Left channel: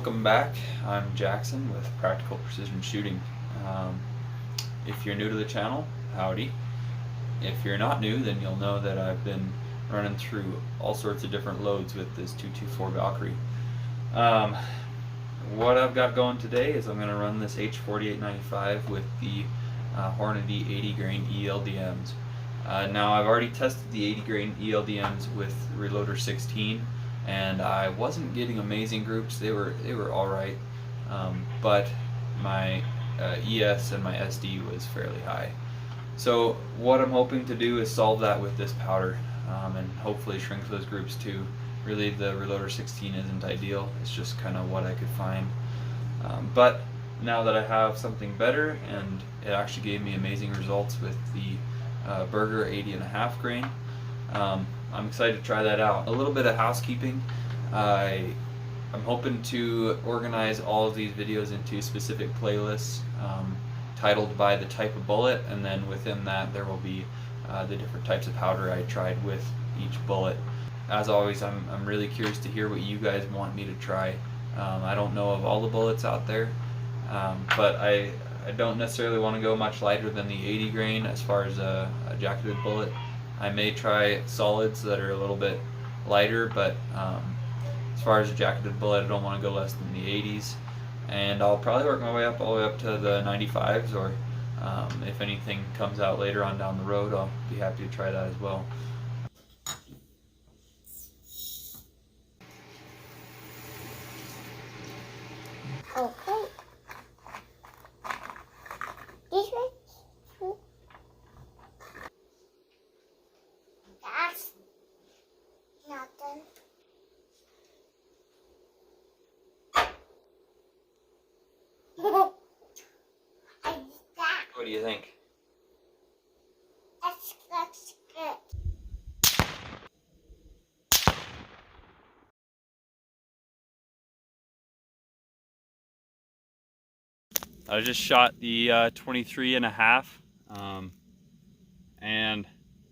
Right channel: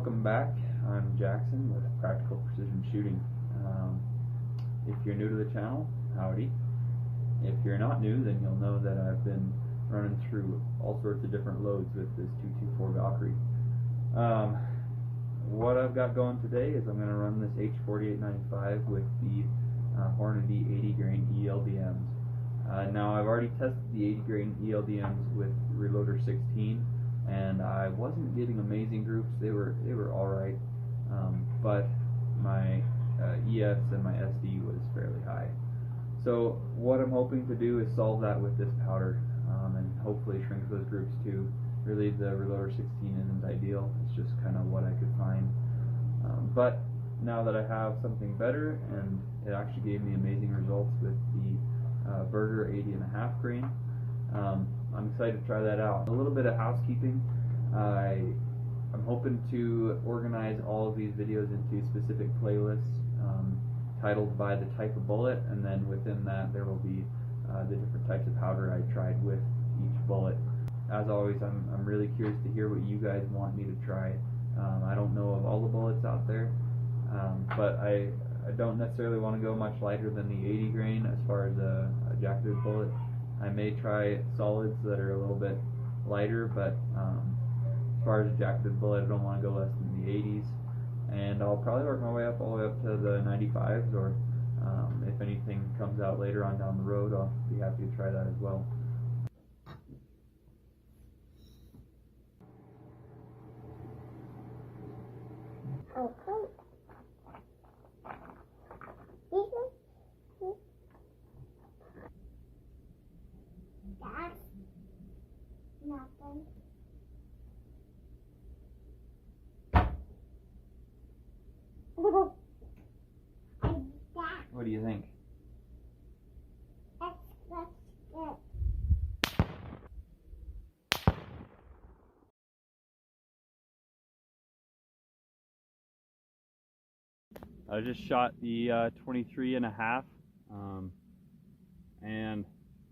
Welcome back. I'm Jackson with Practical Precision Shooting. If you're new to the channel, howdy. If you're not new, then you'll know that I've been running through all sorts of different loads with this 224 Valkyrie. What I've got going today is I'm going to run this h4895 with the Hornady 80 grain ELDMs. Now I've already tested the 80 grain ELDMs with Reloader 16, and I wasn't getting amazing groups. They were all right, but my ES and my SD was fairly high. So what I'm hoping to do is solve that with this powder, and hopefully shrink those groups too. Really, the Reloader 16 isn't ideal. It's just kind of what I could find. But now that I have something better, and it actually gave me amazing results with the Burger 80.5 grain, I'm excited to try that out. A little bit of housekeeping. I'm hoping to organize all of these videos into specific playlists titled by the type of bullet, and then within that there will be the different types of powder I tried with each bullet. As always, I'm really curious to hear what you guys want me to try. I don't know of all the bullets out there, but I don't necessarily want to go much lighter than the 80 grain as far as a jacketed bullet. I may try solids that are a little bit lighter, but as far as a jacketed bullet, I don't want to go less than the 80s. And I'll probably work my way up all the way up to the 95s, or if anything comes out later on down the road, I'll be happy to try that as well. Okay. This way. That's nothing. And that. What do you think? That's good. I just shot the 23.5, and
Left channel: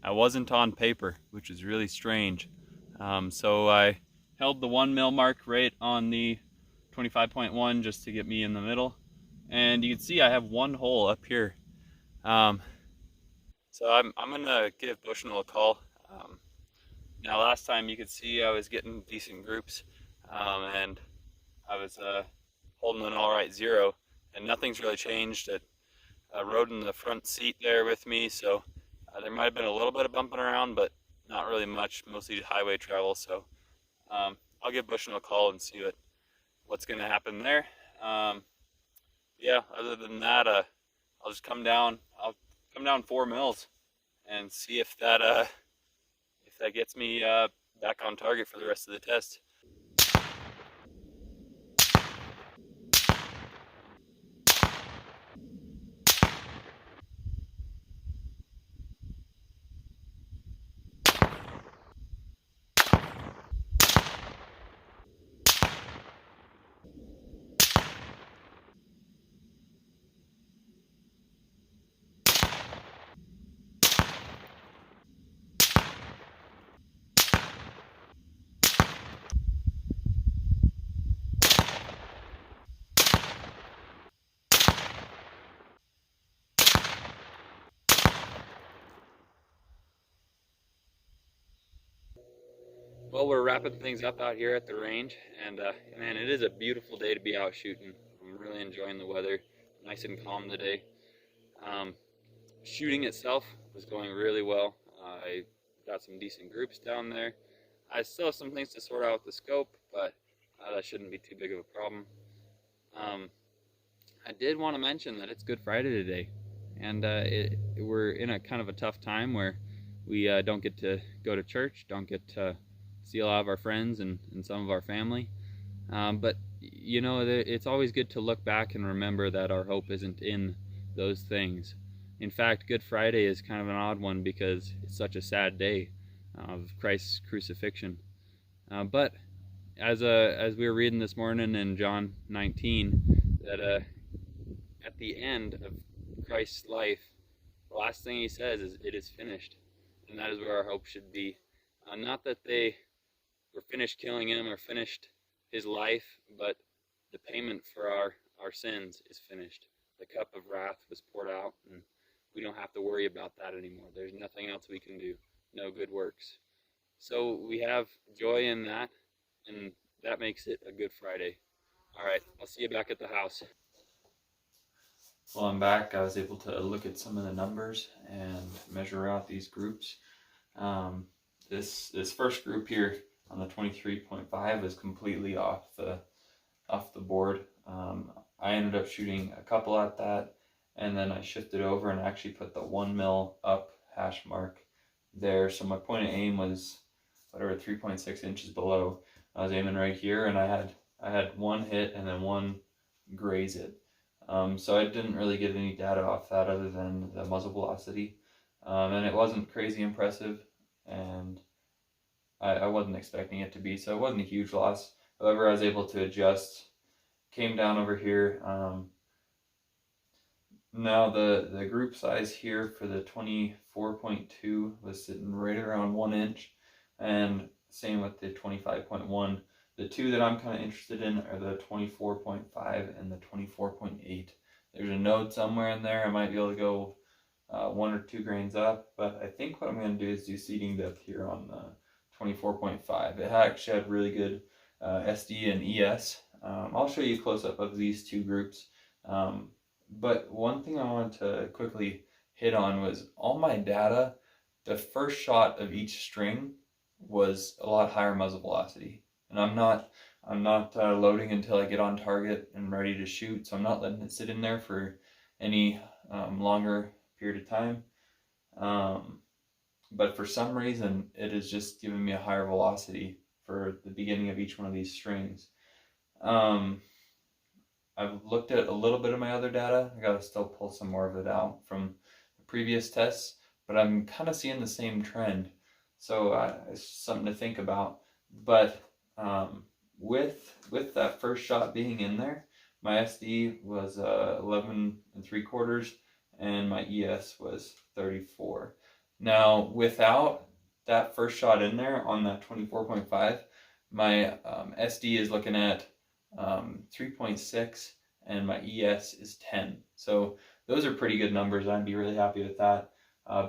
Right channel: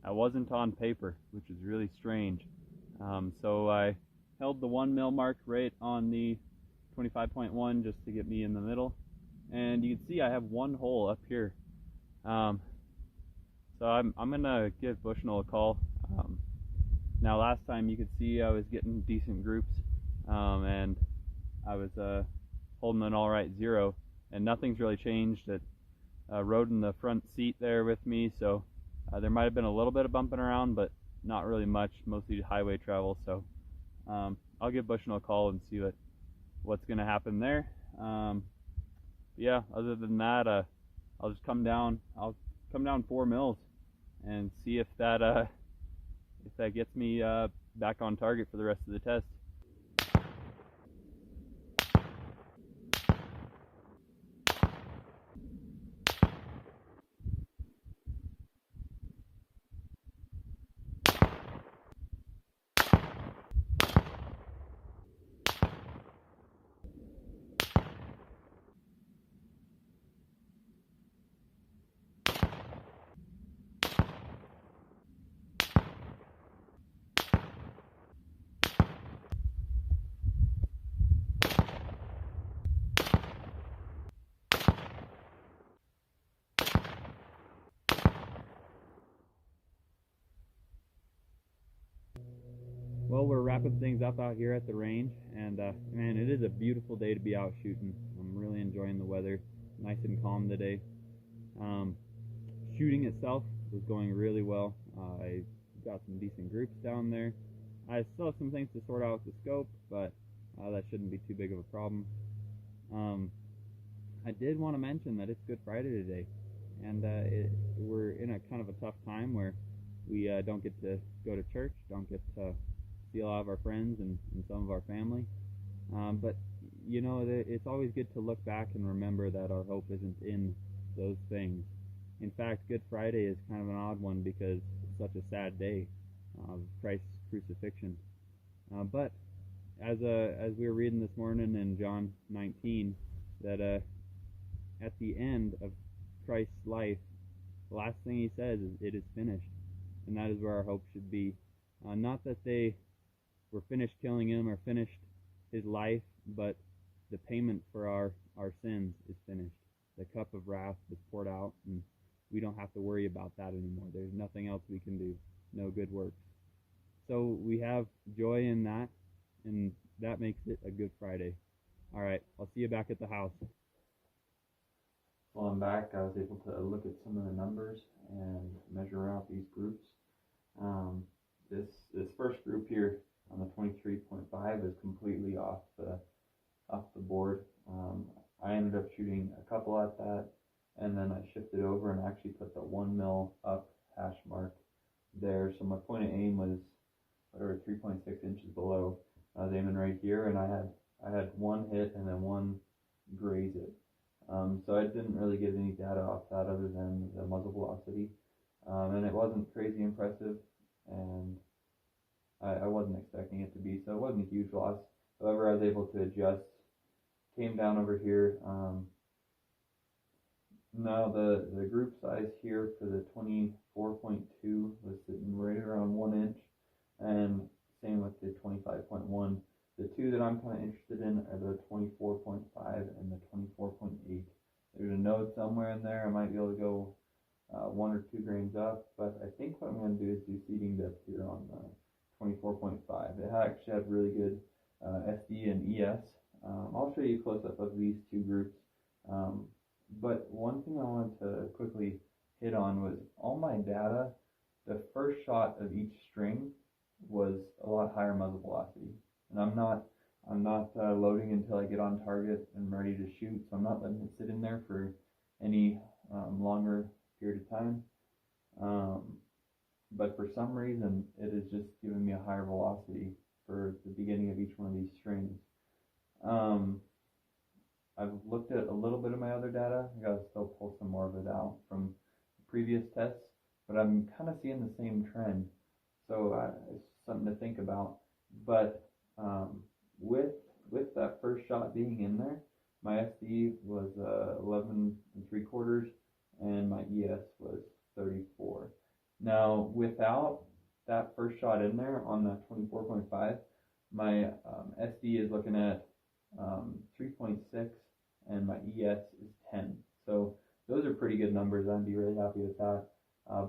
I wasn't on paper, which is really strange. So I held the 1 mil mark right on the 25.1 just to get me in the middle, and you can see I have one hole up here. So I'm gonna give Bushnell a call. Now last time you could see I was getting decent groups, and I was holding an all right 0, and nothing's really changed. It rode in the front seat there with me, so there might have been a little bit of bumping around, but not really much, mostly highway travel. So I'll give Bushnell a call and see what's gonna happen there. Yeah, other than that, I'll just come down. I'll come down 4 mils and see if that gets me back on target for the rest of the test. Well, we're wrapping things up out here at the range, and man, it is a beautiful day to be out shooting. I'm really enjoying the weather, nice and calm today. Shooting itself was going really well. I got some decent groups down there. I still have some things to sort out with the scope, but that shouldn't be too big of a problem. I did want to mention that it's Good Friday today, and we're in a kind of a tough time where we don't get to go to church, don't get to see a lot of our friends and some of our family. But you know, it's always good to look back and remember that our hope isn't in those things. In fact, Good Friday is kind of an odd one because it's such a sad day of Christ's crucifixion. But as we were reading this morning in John 19, that at the end of Christ's life, the last thing he says is, "It is finished," and that is where our hope should be. Not that they were finished killing him or finished his life, but the payment for our sins is finished. The cup of wrath was poured out, and we don't have to worry about that anymore. There's nothing else we can do, no good works. So we have joy in that, and that makes it a Good Friday. All right, I'll see you back at the house. While I'm back, I was able to look at some of the numbers and measure out these groups. This first group here on the 23.5 is completely off the board. I ended up shooting a couple at that, and then I shifted over and actually put the 1 mil up hash mark there. So my point of aim was whatever 3.6 inches below. I was aiming right here, and I had one hit and then one graze it. So I didn't really get any data off that other than the muzzle velocity, and it wasn't crazy impressive, and I wasn't expecting it to be, so it wasn't a huge loss. However, I was able to adjust, came down over here. Now the group size here for the 24.2 was sitting right around 1 inch, and same with the 25.1. The two that I'm kind of interested in are the 24.5 and the 24.8. There's a node somewhere in there. I might be able to go 1 or 2 grains up, but I think what I'm going to do is do seeding depth here on the 24.5. It actually had really good SD and ES. I'll show you a close-up of these two groups. But one thing I wanted to quickly hit on was all my data, the first shot of each string was a lot higher muzzle velocity. And I'm not loading until I get on target and ready to shoot, so I'm not letting it sit in there for any longer period of time. But for some reason, it is just giving me a higher velocity for the beginning of each one of these strings. I've looked at a little bit of my other data. I gotta still pull some more of it out from the previous tests, but I'm kind of seeing the same trend. So it's something to think about. But with that first shot being in there, my SD was 11 3/4 and my ES was 34. Now without that first shot in there on that 24.5, my SD is looking at 3.6 and my ES is 10. So those are pretty good numbers. I'd be really happy with that.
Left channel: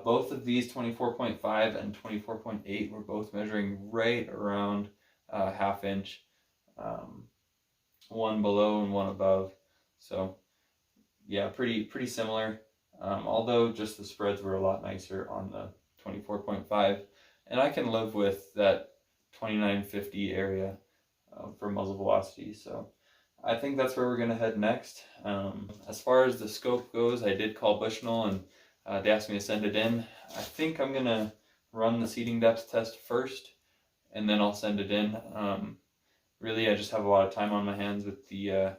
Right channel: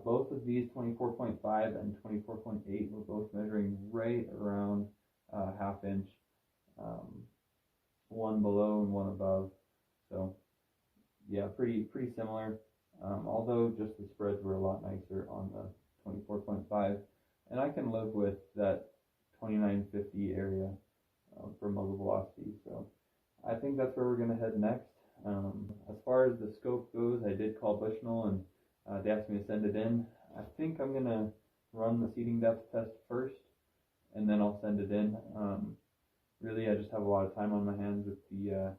Both of these 24.5 and 24.8 were both measuring right around ½ inch, one below and one above. So yeah, pretty similar. Although just the spreads were a lot nicer on the 24.5, and I can live with that 2950 area for muzzle velocity. So I think that's where we're going to head next. As far as the scope goes, I did call Bushnell, and they asked me to send it in. I think I'm going to run the seeding depth test first, and then I'll send it in. Really, I just have a lot of time on my hands with the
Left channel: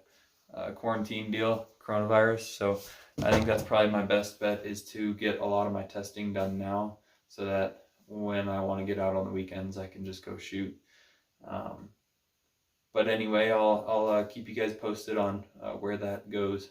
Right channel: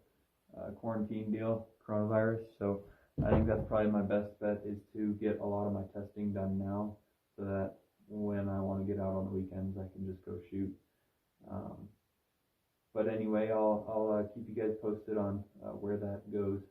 quarantine deal, coronavirus, so I think that's probably my best bet, is to get a lot of my testing done now, so that when I want to get out on the weekends, I can just go shoot. But anyway, I'll keep you guys posted on where that goes.